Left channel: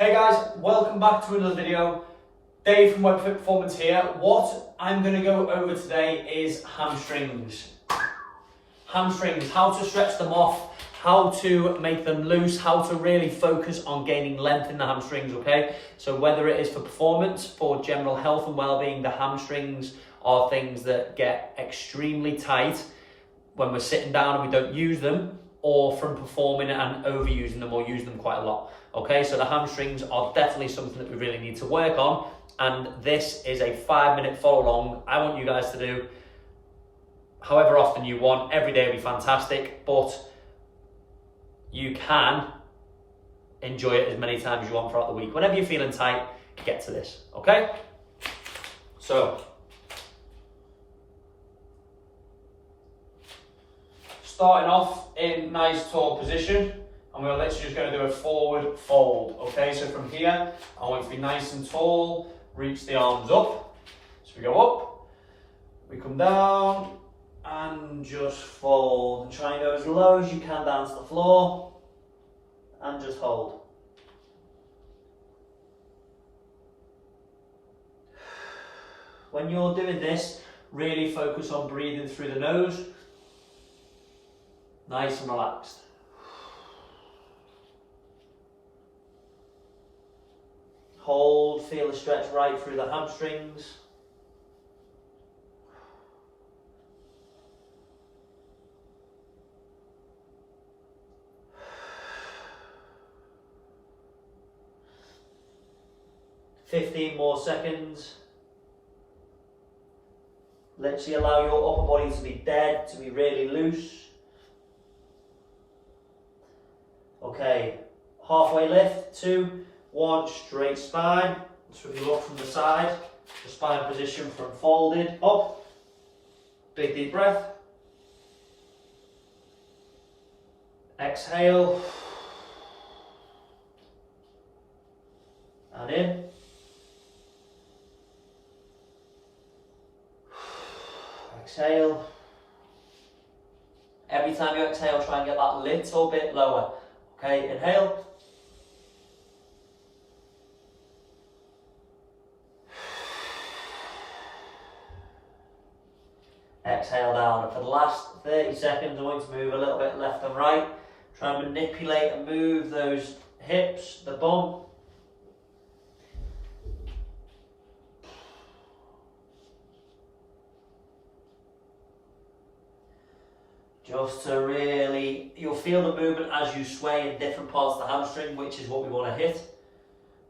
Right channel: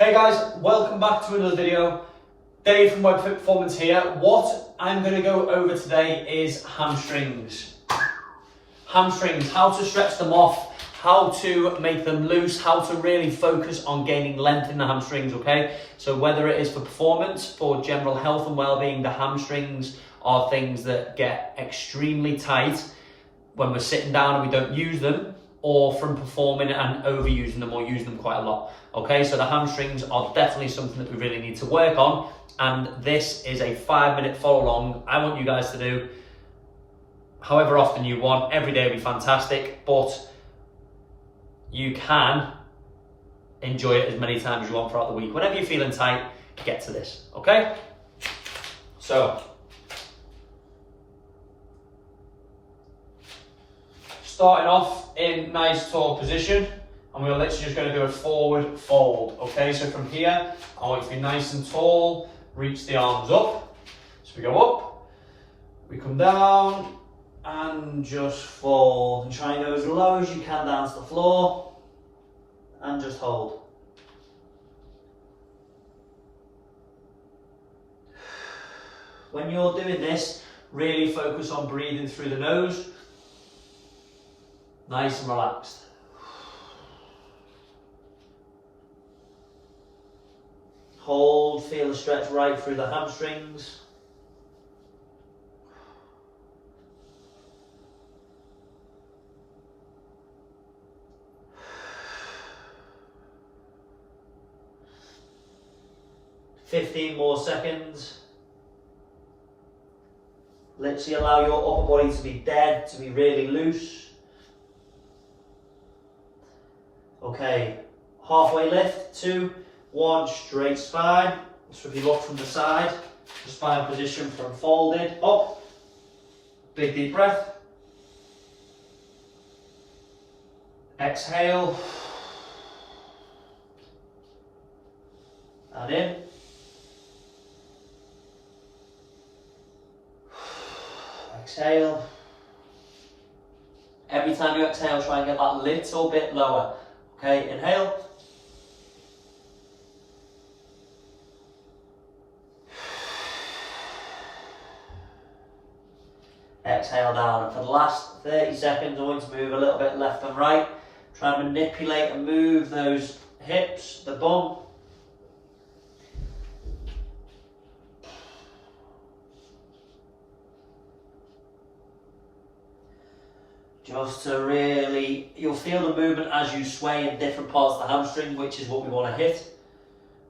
Hey guys, welcome back to another video. Dave from Web Fit Performance here. What I'm going to go over today is hamstrings. Hamstrings, how to stretch them off, how to make them loose, how to really focus on gaining length in the hamstrings, okay? So whether it is for performance, for general health and well-being, the hamstrings are things that get extremely tight when we're sitting down and we don't use them, or from performing and overusing them or using them quite a lot. Okay, so the hamstrings are definitely something that we really need to work on, and this is a 5-minute follow along. I want you guys to do however often you want. Every day would be fantastic, but you can enjoy it as many times as you want throughout the week. Whenever you're feeling tight, get to this, okay? So, starting off in nice tall position, and we're literally just going to do a forward fold. Okay, so from here, I want you to be nice and tall, reach the arms up. So we go up, we come down, and just fold. And try and go as low as you can down to the floor, and just hold. When you're doing this, really focus on breathing through the nose. Nice and relaxed. Hold, feel the stretch right through the hamstrings. $15 more seconds. Literally allow your upper body to be dead, to be really loose. Okay, halfway lift, 2, 1, straight spine. So if you look from the side, the spine position from folded, up. Big deep breath. Exhale. And in. Exhale. Every time you exhale, try and get that little bit lower. Okay, inhale. Exhale down, and for the last 30 seconds I want you to move a little bit left and right. Try and manipulate and move those hips, the bum. Just to really, you'll feel the movement as you sway in different parts of the hamstring, which is what we want to hit.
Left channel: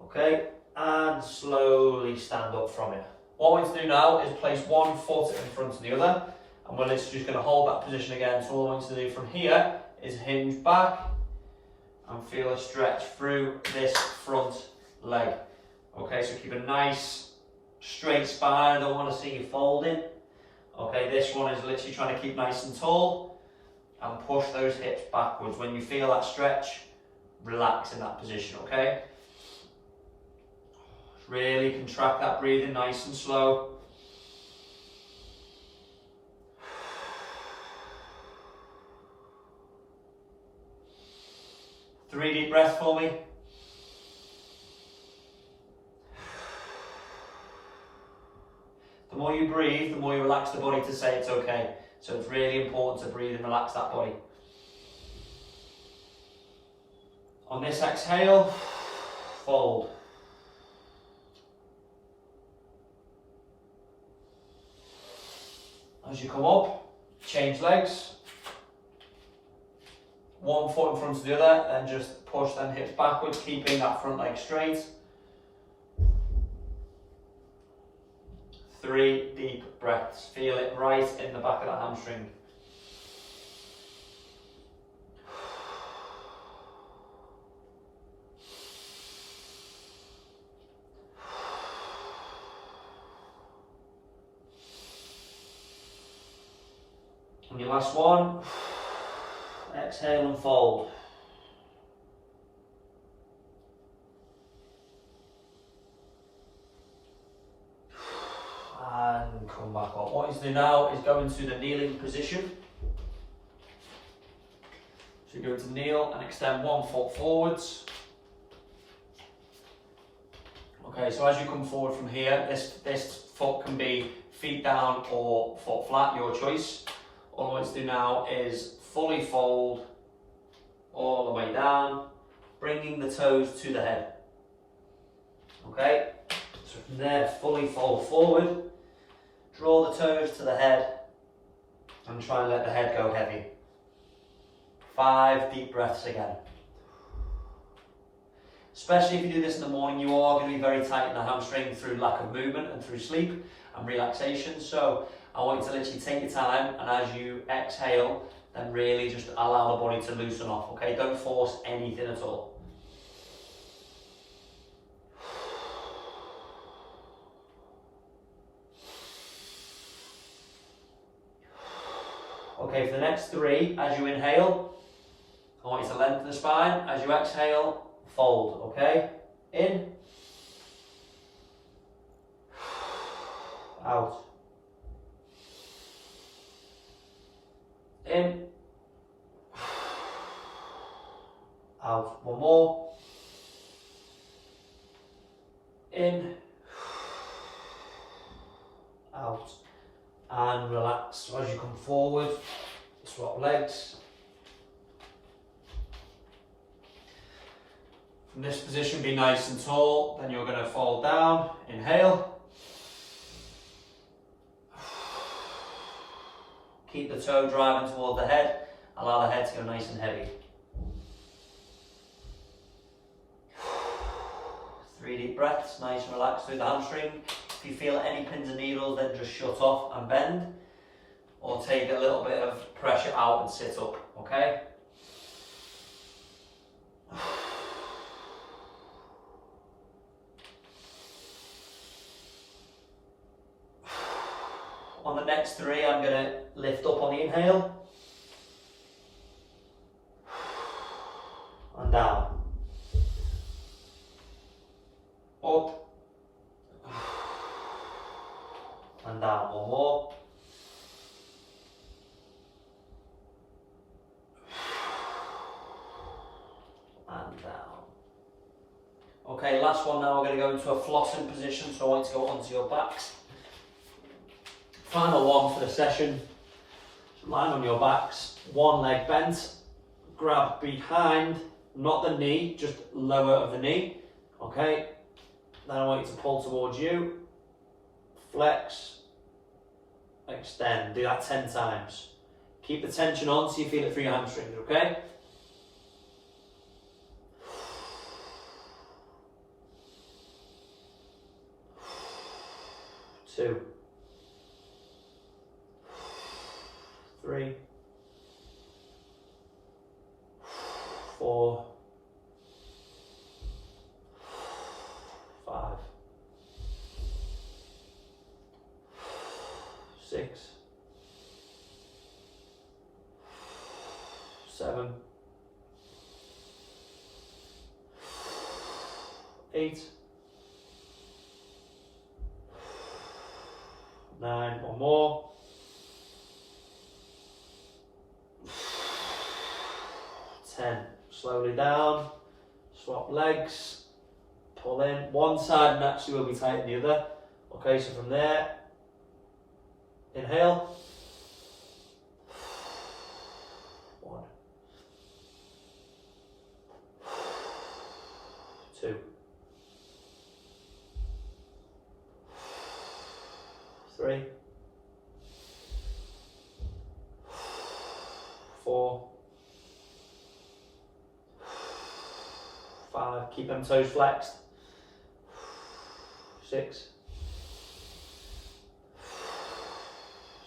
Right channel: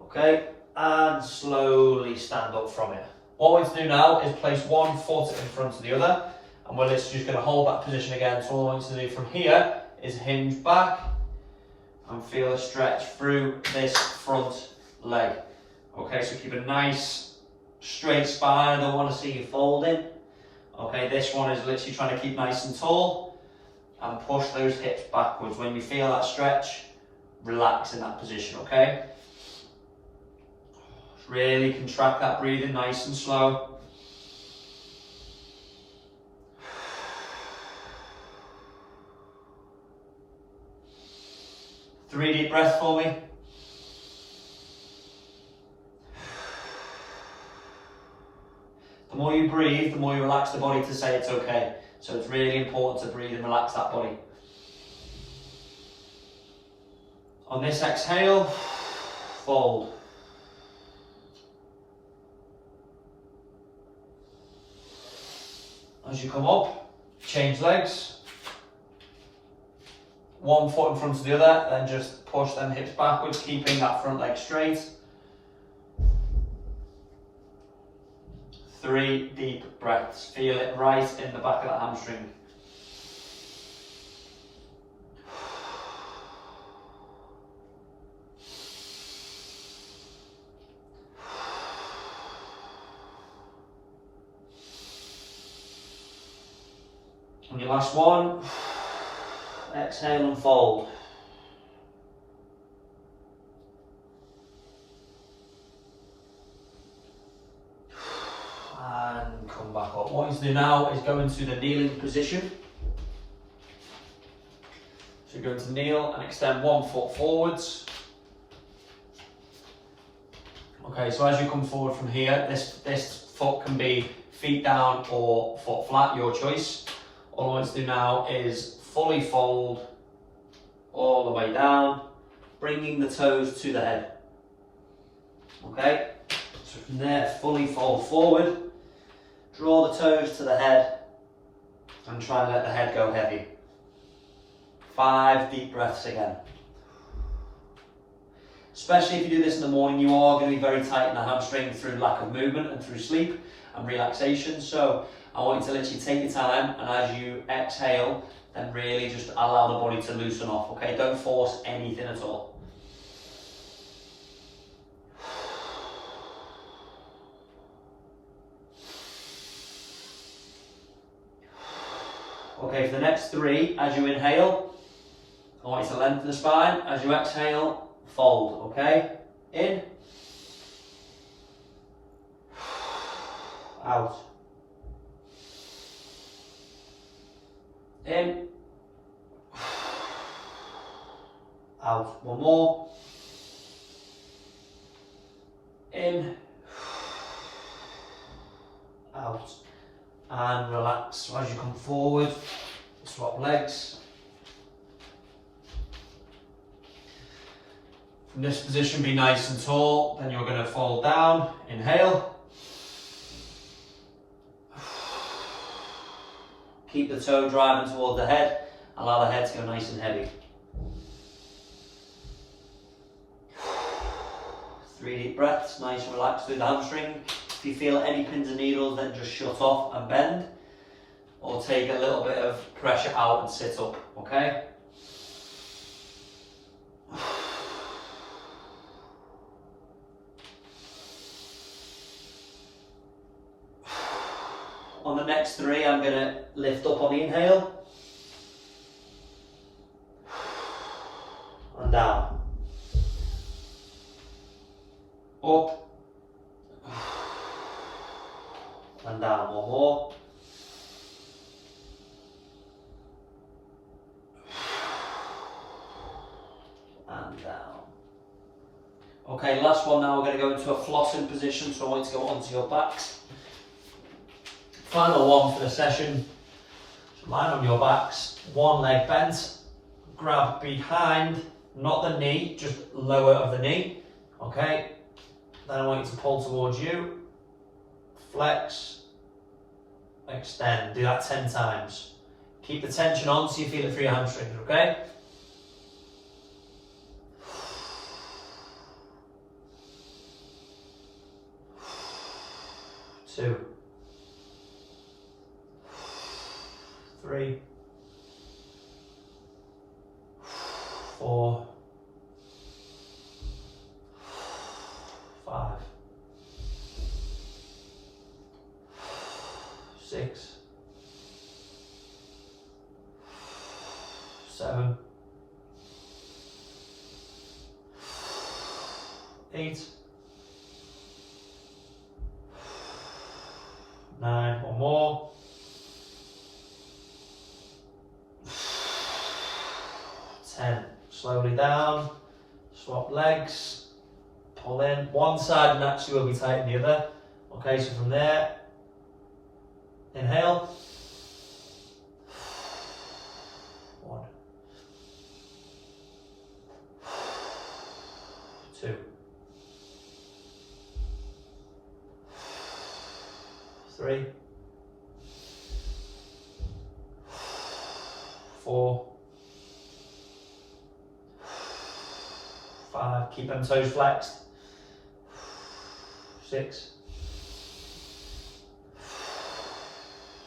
Okay, and slowly stand up from it. What we're going to do now is place one foot in front of the other, and we're literally just going to hold that position again. So all I want you to do from here is hinge back and feel a stretch through this front leg. Okay, so keep a nice straight spine. I don't want to see you folding. Okay, this one is literally trying to keep nice and tall and push those hips backwards. When you feel that stretch, relax in that position, okay? Really contract that breathing nice and slow. Three deep breaths for me. The more you breathe, the more you relax the body to say it's okay. So it's really important to breathe and relax that body. On this exhale, fold. As you come up, change legs. One foot in front of the other, then just push them hips backwards, keeping that front leg straight. 3 deep breaths. Feel it right in the back of the hamstring. And your last one, exhale and fold. Come back up. What you want to do now is go into the kneeling position. So you're going to kneel and extend one foot forwards. Okay, so as you come forward from here, this foot can be feet down or foot flat, your choice. All I want to do now is fully fold all the way down, bringing the toes to the head. Okay, so from there, fully fold forward, draw the toes to the head, and try and let the head go heavy. 5 deep breaths again. Especially if you do this in the morning, you are going to be very tight in the hamstring through lack of movement and through sleep and relaxation. So I want you to literally take your time, and as you exhale, then really just allow the body to loosen off, okay? Don't force anything at all. Okay, for the next 3, as you inhale, I want you to lengthen the spine. As you exhale, fold, okay? In. Out. In. Out. One more. In. Out. And relax. So as you come forward, swap legs. From this position, be nice and tall. Then you're going to fold down. Inhale. Keep the toe driving toward the head. Allow the head to go nice and heavy. 3 deep breaths, nice and relaxed through the hamstring. If you feel any pins and needles, then just shut off and bend. Or take a little bit of pressure out and sit up, okay? On the next 3, I'm going to lift up on the inhale. And down. Up. And down. One more. And down. Okay, last one now. We're going to go into a flossing position. So I want you to go onto your backs. Final one for the session. So lying on your backs, one leg bent, grab behind, not the knee, just lower of the knee. Okay. Then I want you to pull towards you, flex, extend. Do that 10 times. Keep the tension on so you feel it through your hamstrings, okay? Two. 3, 4, 5, 6, 7, 8, 9, one more. 10. Slowly down, swap legs, pull in. One side naturally will be tight than the other. Okay, so from there, inhale. 1, 2, 3, 4, 5, keep them toes flexed. 6,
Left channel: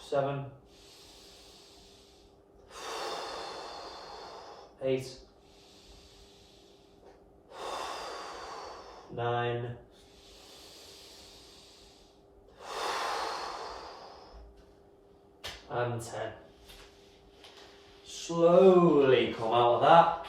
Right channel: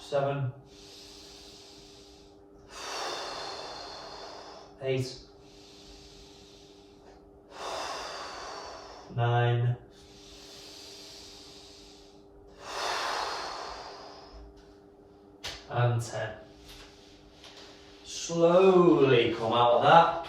7, 8, 9, 10. Slowly come out of that.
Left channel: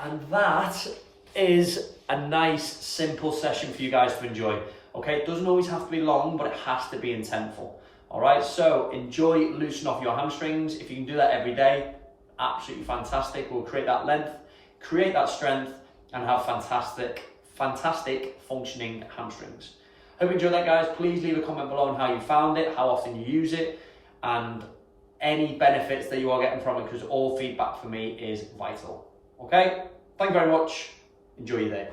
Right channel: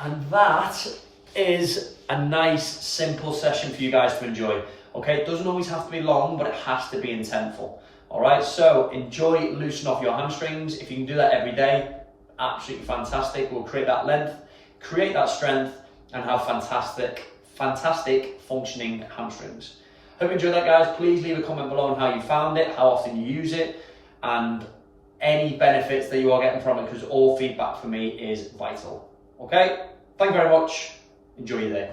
And that is a nice, simple session for you guys to enjoy. Okay, it doesn't always have to be long, but it has to be intentful. All right, so enjoy, loosen off your hamstrings. If you can do that every day, absolutely fantastic. We'll create that length, create that strength, and have fantastic fantastic functioning hamstrings. Hope you enjoyed that, guys. Please leave a comment below on how you found it, how often you use it, and any benefits that you are getting from it, because all feedback for me is vital. Okay, thank you very much. Enjoy your day.